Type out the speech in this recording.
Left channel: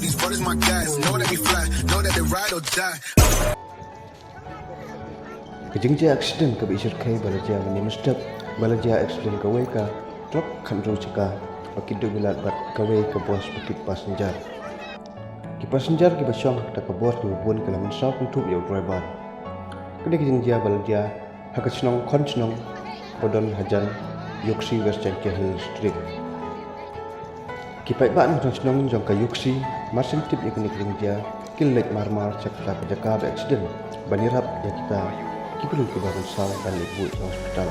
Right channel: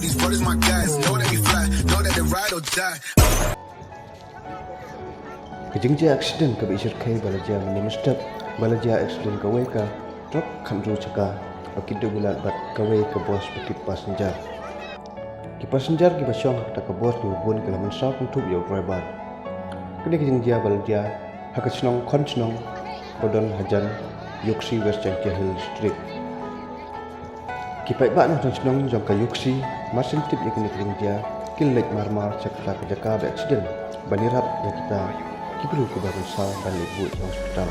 these brothers my guys. Know that we fly, know that they ride or die. Kejengja accident ka bisir kai balaja mani mustap balaja accident ka wei ka truk khanru chaka akidu bulat bat ka wei ka bos bekip passenger ki passenger ki basyong ta ka bos du bun kala man sa pun tup yo driver kene kejengja balaja hakachnong khonchnong bodon hajan yoksi west jangja hill district ki pai ba nong chnong jong ka yoksi masin tip ya kene kejengja kilek marmar chakta ka jaka accident banirap ya kita ki perlu ke baban saw balik buat hospital.